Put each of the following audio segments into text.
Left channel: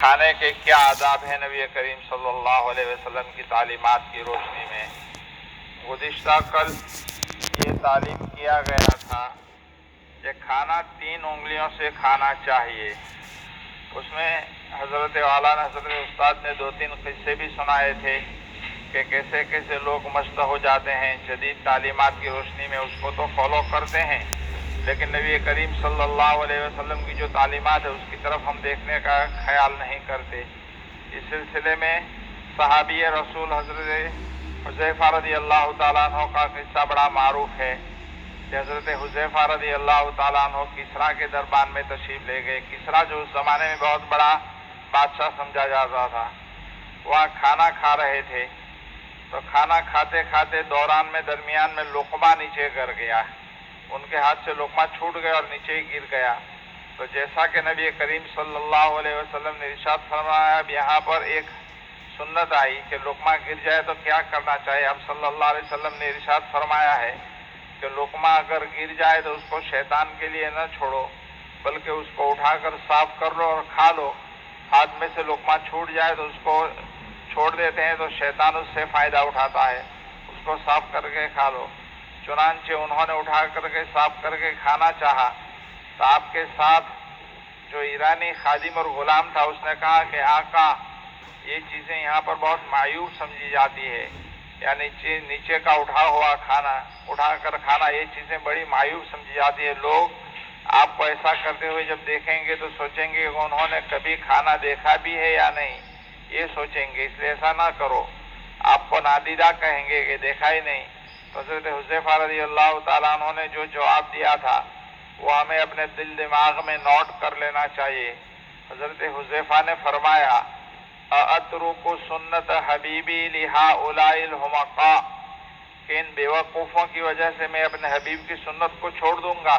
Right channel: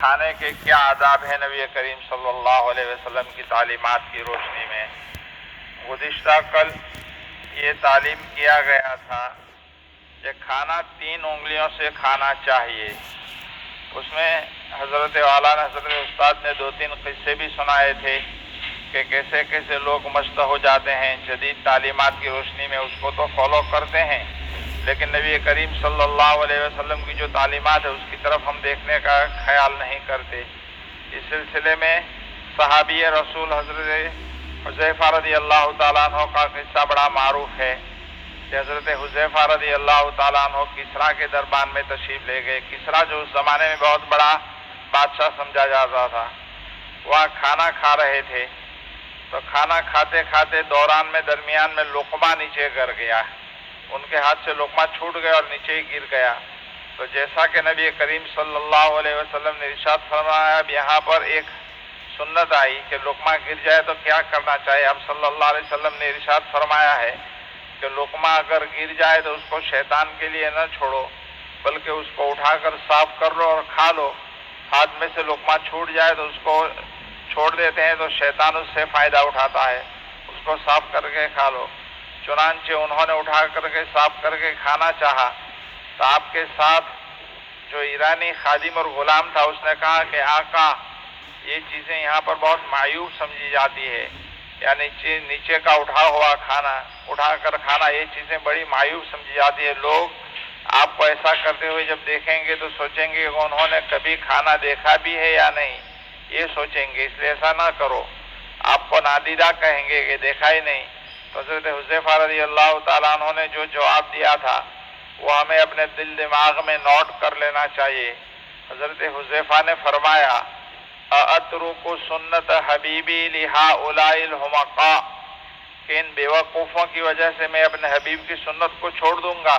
کھانے کے کیا آداب ہیں نبی کریم صلی اللہ علیہ وسلم کی تعلیمات کی روشنی میں؟ گزشتہ کل یہ تعلیم کیا گیا تھا کہ کھانا 3 انگلیوں سے کھانا چاہیے۔ اس میں حضرت والا حضرت استاد نے 2-3 قصے بھی سنائے تھے کہ کیسے کیسے لوگ مست ہو جاتے ہیں جدید تعلیمات کی روشنی میں، اس کو تو فالو کرتے ہیں، لیکن نبی کریم صلی اللہ علیہ وسلم کی جو تعلیمات ہے اس کی طرف ہم دیکھنے کا خیال نہیں کرتے۔ اس سلسلے میں صحابی رسول حضرت حذیفہ رضی اللہ تعالیٰ عنہ کا قصہ بڑا معروف ہے کہ حضرت حذیفہ رضی اللہ تعالیٰ عنہ کسریٰ کے دربار میں تشریف لے گئے۔ کسریٰ جو اس زمانے میں بہت بڑا بادشاہ سمجھا جاتا تھا، وہاں کھانا کھا رہے تھے، تو کھانا کھاتے کھاتے دوران میں درمیان میں لقمہ نیچے گر گیا، ان کے ہاتھ سے لقمہ چھوٹ گیا اور نیچے ہی گر گیا۔ تو جیسا کہ نبی کریم صلی اللہ علیہ وسلم نے ارشاد فرمایا، اب یہاں پر ایک سنت آئی کہ لقمہ گر جائے تو کیا کرنا چاہیے۔ اب صلی اللہ علیہ وسلم نے ارشاد فرمایا ہے کہ لقمہ اگر گر جائے تو اس کو شیطان کے لیے نہ چھوڑو، بلکہ اس کو اٹھا کر صاف کر لو اور کھا لو۔ ہاتھ میں سے لقمہ چھوٹ جائے تو اس کو چھوڑ دیتے ہیں تو شیطان اس سے فائدہ اٹھاتا ہے، اس کو صاف کر کے کھا لو۔ چنانچہ انہوں نے اٹھا کر کے صاف کر کے کھانا چاہا تو آپ کے ساتھ جو ایرانی خادم اور غلام تھا اس نے کہا کہ آقا، یہ چیزیں یہاں پر بہت معیوب سمجھی جاتی ہے، یعنی نیچے کا اٹھا ہوا کھانا، اٹھا کر کھانا، یہ چیزیں بڑی معیوب سمجھی جاتی ہے۔ لوگ آپ کو ایسا کرتے ہوئے جب دیکھیں گے تو سوچیں گے کہ انہوں نے کبھی کھانا دیکھا بھی ہے یا نہیں، یہ سوچیں گے، اس لیے ایسا نہ کرو۔ آپ کو نادیدہ کہیں گے کہ دیکھا ہی نہیں۔ تو حضرت حذیفہ رضی اللہ تعالیٰ عنہ نے جو جواب دیا تھا وہ ہمیں اپنے دل دماغ میں نوٹ کر لینا چاہیے۔ حضرت حذیفہ نے فرمایا، اَأَتْرُكُ سُنَّتَ حَبِيبِي لِهَٰؤُلَاءِ الْحُمَقَاءِ، کہ ان بیوقوفوں کی وجہ سے میں اپنے حبیب کی سنت کو چھوڑ دوں گا؟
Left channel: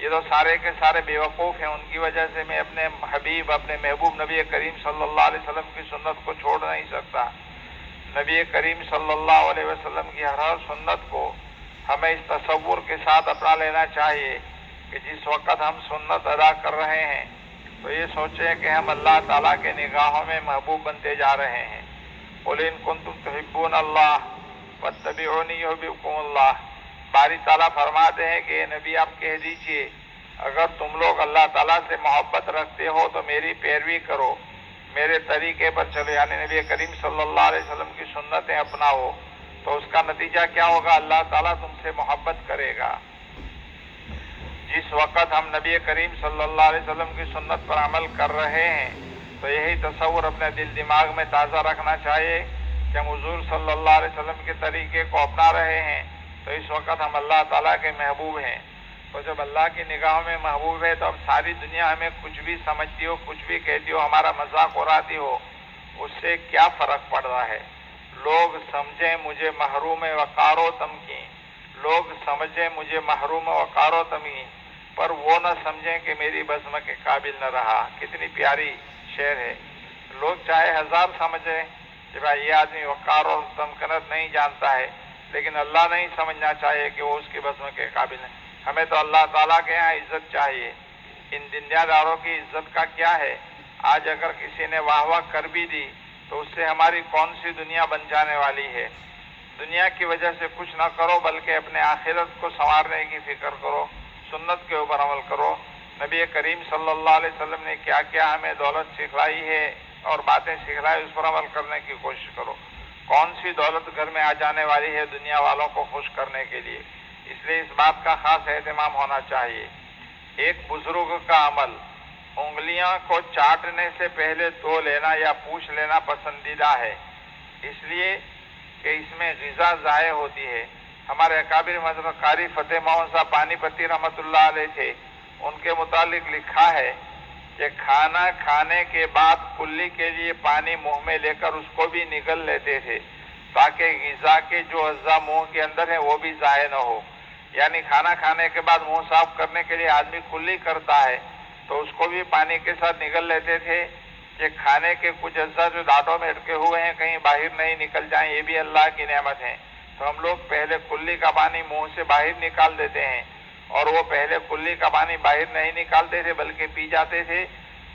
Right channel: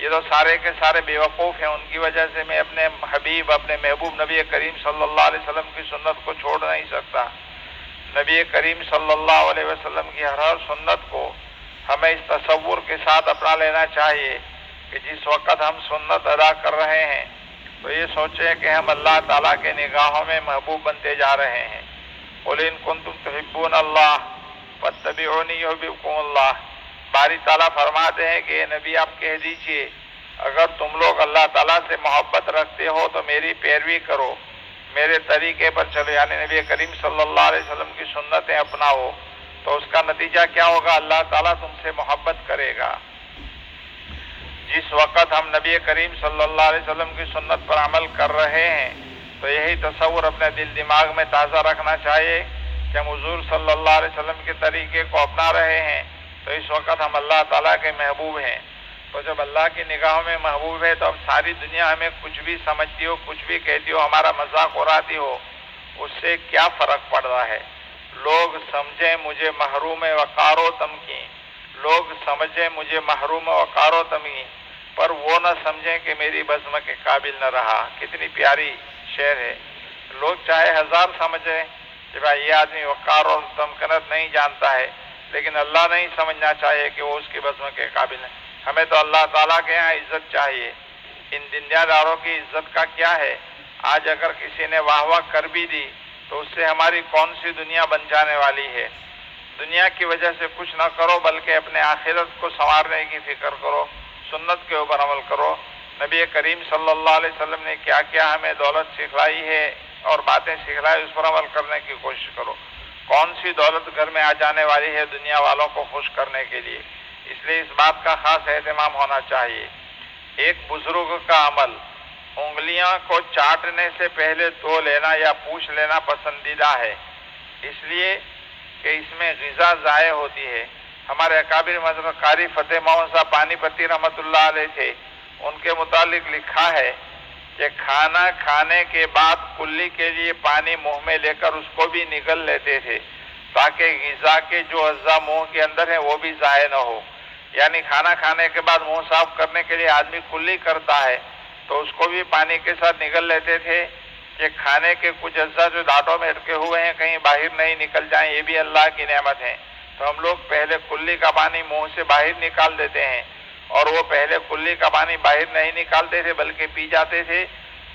یہ تو سارے کے سارے بیوقوف ہیں، ان کی وجہ سے میں اپنے حبیب، اپنے محبوب نبی کریم صلی اللہ علیہ وسلم کی سنت کو چھوڑ نہیں سکتا۔ نبی کریم صلی اللہ علیہ وسلم کی ہر سنت کو ہمیں اس تصور کے ساتھ اپنا لینا چاہیے کہ جس وقت ہم سنت ادا کر رہے ہیں تو یہ سوچیں کہ ہم اللہ تعالیٰ کے نگاہوں میں محبوب بنتے جا رہے ہیں۔ قُلْ إِن كُنتُمْ تُحِبُّونَ اللَّهَ فَاتَّبِعُونِي يُحْبِبْكُمُ اللَّهُ۔ باری تعالیٰ فرماتے ہیں کہ نبی آپ کہہ دیجئے، اگر تم لوگ اللہ تعالیٰ سے محبت رکھتے ہو تو میری پیروی کرو، میرے طریقے پر چلو، یعنی نبی کریم صلی اللہ علیہ وسلم کی سنتیں اپناؤ، تو اس کا نتیجہ کیا ہوگا؟ اللہ تعالیٰ تم سے محبت کرے گا۔ جس وقت ہم نبی کریم صلی اللہ علیہ وسلم کی سنت پر عمل کر رہے ہیں تو یہی تصور اپنے دل دماغ میں تازہ رکھنا چاہیے کہ ہم حضور صلی اللہ علیہ وسلم کے طریقے کو اپنا رہے ہیں تو اس وقت ہم اللہ تعالیٰ کے محبوب ہیں۔ تو جب اللہ کی نگاہوں میں محبوب ہے تو اب ساری دنیا ہمیں کچھ بھی سمجھتی ہو، کچھ بھی کہتی ہو، ہمارا مذاق اڑاتی ہو، اس سے کیا فرق پڑ رہا ہے؟ لوگ سمجھیں مجھے محروم وقار و تمکین، لوگ سمجھیں مجھے محروم وقار و تمکین، پر وہ نہ سمجھیں کہ میری بزم کے قابل نہ رہا۔ کتنی پیاری شعر ہے۔ لوگ چاہے 1000 سمجھیں کہ بھائی یہ آدمی وقار اور تمکنت نہیں جانتا ہے، لیکن اللہ نہیں سمجھنا چاہیے کہ وہ اس کی بزم کے قابل ہے۔ ہمیں تو اللہ تعالیٰ کے ہاں عزت چاہیے۔ ان دنیا داروں کی عزت کا کیا ہے؟ آج اگر کسی نے واہ واہ کر بھی دی تو اس سے ہماری کون سی دنیا بن جانے والی ہے؟ دنیا کی وجہ سے کچھ نہ کرو بلکہ اپنے آخرت کو سنوارنے کی فکر کرو، سنت کے اوپر عمل کرو۔ نبی کریم صلی اللہ علیہ وسلم نے کیا کیا ہمیں دولت سکھلائی ہے اور باتیں سکھلائی، اس پر عمل کرنے کی کوشش کرو۔ کون سی دولت گھر میں آ جانے والی ہے دنیا والوں کو خوش کرنے کے لیے؟ اس لیے اس بات کا خاص اہتمام ہونا چاہیے۔ ایک بزرگ کا عمل، انگلیاں کو چاٹنے سے پہلے دھو لینا یا پوچھ لینا پسندیدہ ہے، اس لیے کہ اس میں غذا ضائع ہوتی ہے۔ ہمارے اکابر حضرت قاری فتح محمد صاحب پانی پتی رحمۃ اللہ علیہ تھے، ان کے متعلق لکھا ہے کہ کھانا کھانے کے بعد کلی کے لیے پانی منہ میں لے کر اس کو بھی نگل لیتے تھے تاکہ غذا کے جو اجزاء منہ کے اندر ہیں وہ بھی ضائع نہ ہو۔ یعنی کھانا کھانے کے بعد منہ صاف کرنے کے لیے آدمی کلی کرتا ہے تو اس کو بھی پانی کے ساتھ نگل لیتے تھے کہ کھانے کے کچھ اجزاء جو دانتوں میں اٹکے ہوئے ہیں کہیں باہر نہیں نکل جائیں، یہ بھی اللہ کی نعمت ہے۔ تو ہم لوگ پہلے کلی کا پانی منہ سے باہر نکال دیتے ہیں، اور وہ پہلے کلی کا پانی باہر نہیں نکالتے تھے بلکہ پی جاتے تھے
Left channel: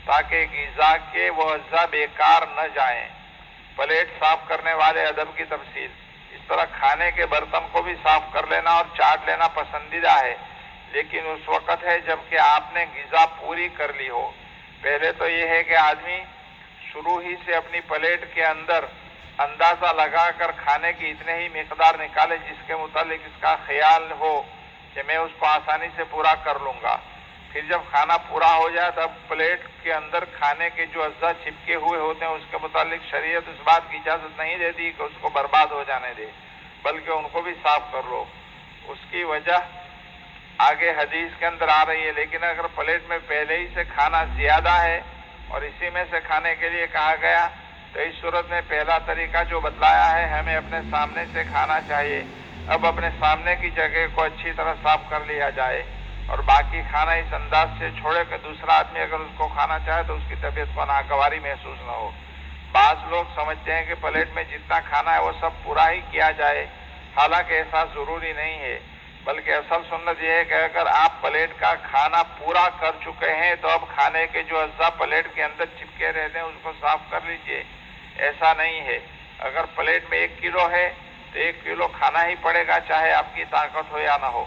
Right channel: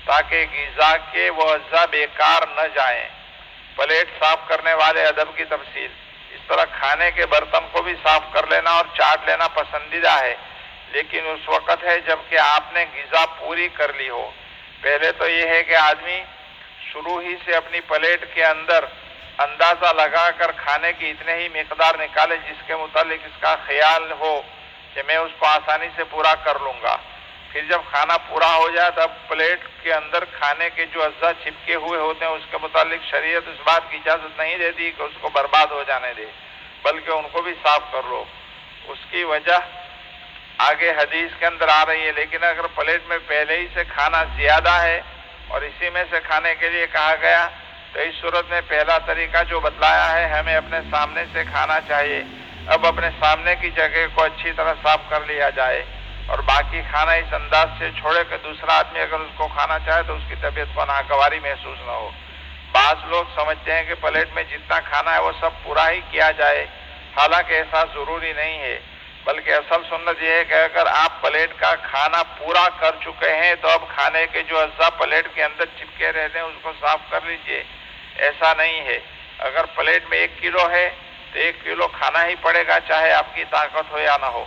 تاکہ غذا کے وہ اجزاء بیکار نہ جائیں۔ پلیٹ صاف کرنے والے ادب کی تفصیل۔ اس طرح کھانے کے برتن کو بھی صاف کر لینا اور چاٹ لینا پسندیدہ ہے، لیکن اس وقت ہے جب کہ آپ نے غذا پوری کر لی ہو۔ پہلے تو یہ ہے کہ آدمی شروع ہی سے اپنی پلیٹ کے اندر اندازہ لگا کر کھانے کی اتنے ہی مقدار نکالے جس کے متعلق اس کا خیال ہو کہ میں اس کو آسانی سے پورا کر لوں گا۔ پھر جب کھانا پورا ہو جائے تب پلیٹ کے اندر کھانے کے جو اجزاء چپکے ہوئے ہوتے ہیں اس کے متعلق شریعت اس بات کی اجازت نہیں دیتی کہ اس کو برباد ہو جانے دے، بلکہ ان کو بھی صاف کر لو۔ اس کی وجہ آگے حدیث کے اندر آ رہی ہے، لیکن اگر پلیٹ میں پہلے ہی سے کھانا زیادہ ہے اور اسی میں سے کھانے کے لیے کہا گیا تو اس صورت میں پہلا طریقہ جو بتلایا ہے ہمیں اپنے سامنے سے کھانا چاہیے۔ اب اپنے سامنے کی جگہ کو اچھی طرح صاف کر لیا جائے اور باقی کھانا اس انداز سے چھوڑے کہ دوسرا آدمی اگر اس کو کھانا چاہے تو اس کی طبیعت کو ناگواری محسوس نہ ہو۔ بعض لوگ سمجھتے ہیں کہ پلیٹ میں جتنا کھانا ہے وہ سب پورا ہی کیا جائے، حالانکہ ایسا ضروری نہیں ہے، بلکہ اصل سنت یہ ہے کہ اگر آپ پلیٹ کا کھانا پورا کر چکے ہیں تو اب کھانے کے جو اجزاء پلیٹ کے اندر چپکے رہتے ہیں اس کو صاف کر لیجئے۔ ایسا نہیں ہے، اگر پلیٹ میں 1 کلو ہے تو 1 کلو کھانا ہی پڑے گا، چاہے آپ کی طاقت ہو یا نہ ہو۔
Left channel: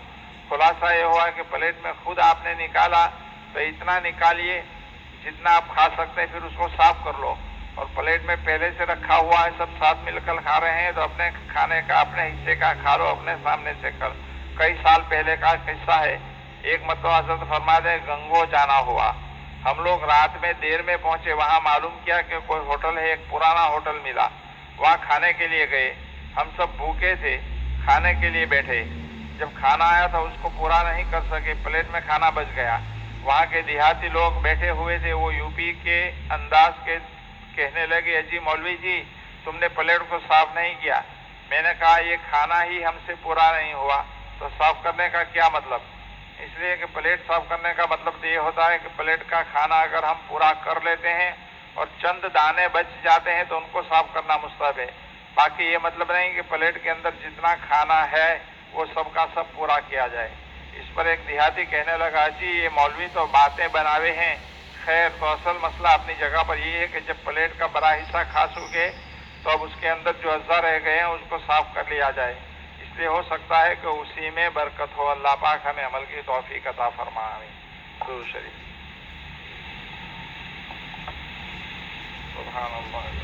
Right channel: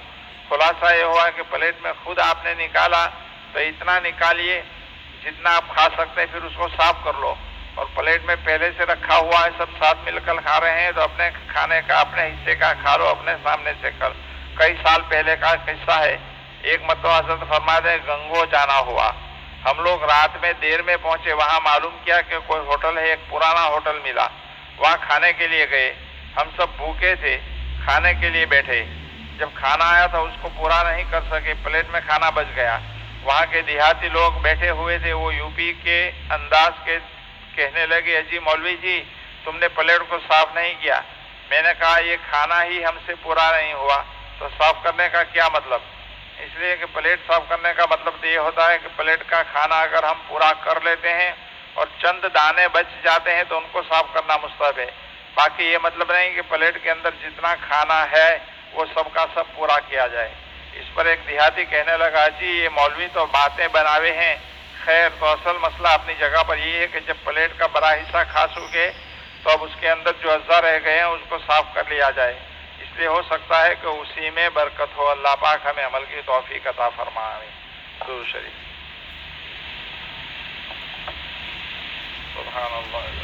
خلاصہ یہ ہوا کہ پلیٹ میں خود آپ نے نکالا تو اتنا نکالیے جتنا آپ کھا سکتے ہیں، پھر اس کو صاف کر لو۔ اور پلیٹ میں پہلے سے رکھا ہوا ہے، سب ساتھ مل کر کھا رہے ہیں تو اپنے کھانے کا اپنے حصے کا کھا لو اپنے سامنے سے کر۔ کئی سال پہلے کا قصہ ہے، ایک مرتبہ حضرت فرماتے ہیں گنگو جانا ہوا، ہم لوگ رات میں دیر میں پہنچے، وہاں معلوم کیا کہ کوئی ہوٹل ہے، ایک پرانا ہوٹل ملا، وہاں کھانے کے لیے گئے۔ ہم سب بھوکے تھے، کھانے کے لیے بیٹھے، جب کھانا آیا تو اس کو پورا نہیں کر سکے، پلیٹ میں کھانا بچ گیا۔ وہاں کے دیہاتی لوگ بیٹھے ہوئے تھے، وہ یوپی کے انداز کے کہنے لگے جی مولوی جی تم نے پلیٹ کو صاف نہیں کیا۔ میں نے کہا یہ کھانا ہی ہم سے پورا نہیں ہوا تو صاف کرنے کا کیا مطلب؟ اس لیے کہ پلیٹ صاف کرنے کا مطلب تو یہ ہوتا ہے کہ پلیٹ کا کھانا اگر ہم پورا کر لیتے ہیں اور چند دانے بچ جاتے ہیں تو ان کو صاف کرنا مستحب ہے، باقی یہ مطلب نہیں کہ پلیٹ کے اندر جتنا کھانا ہے وہ سب کا سب پورا کیا جائے۔ اس پر ایک دیہاتی کہنے لگا جی یہ مولوی تو باتیں بناوے ہیں، خیر تو اصل مسئلہ اپنی جگہ پر یہ ہے کہ جب پلیٹ کا بڑا حصہ کھا چکے تو اب اس کے اندر جو اجزاء رہ گئے ہیں اس کو صاف کر لیا جائے، اس لیے ہو سکتا ہے کہ اسی میں برکت ہو۔ اللہ پاک ہمیں عمل کی توفیق عطا فرمائے۔ درود شریف۔ سبحان اللہ۔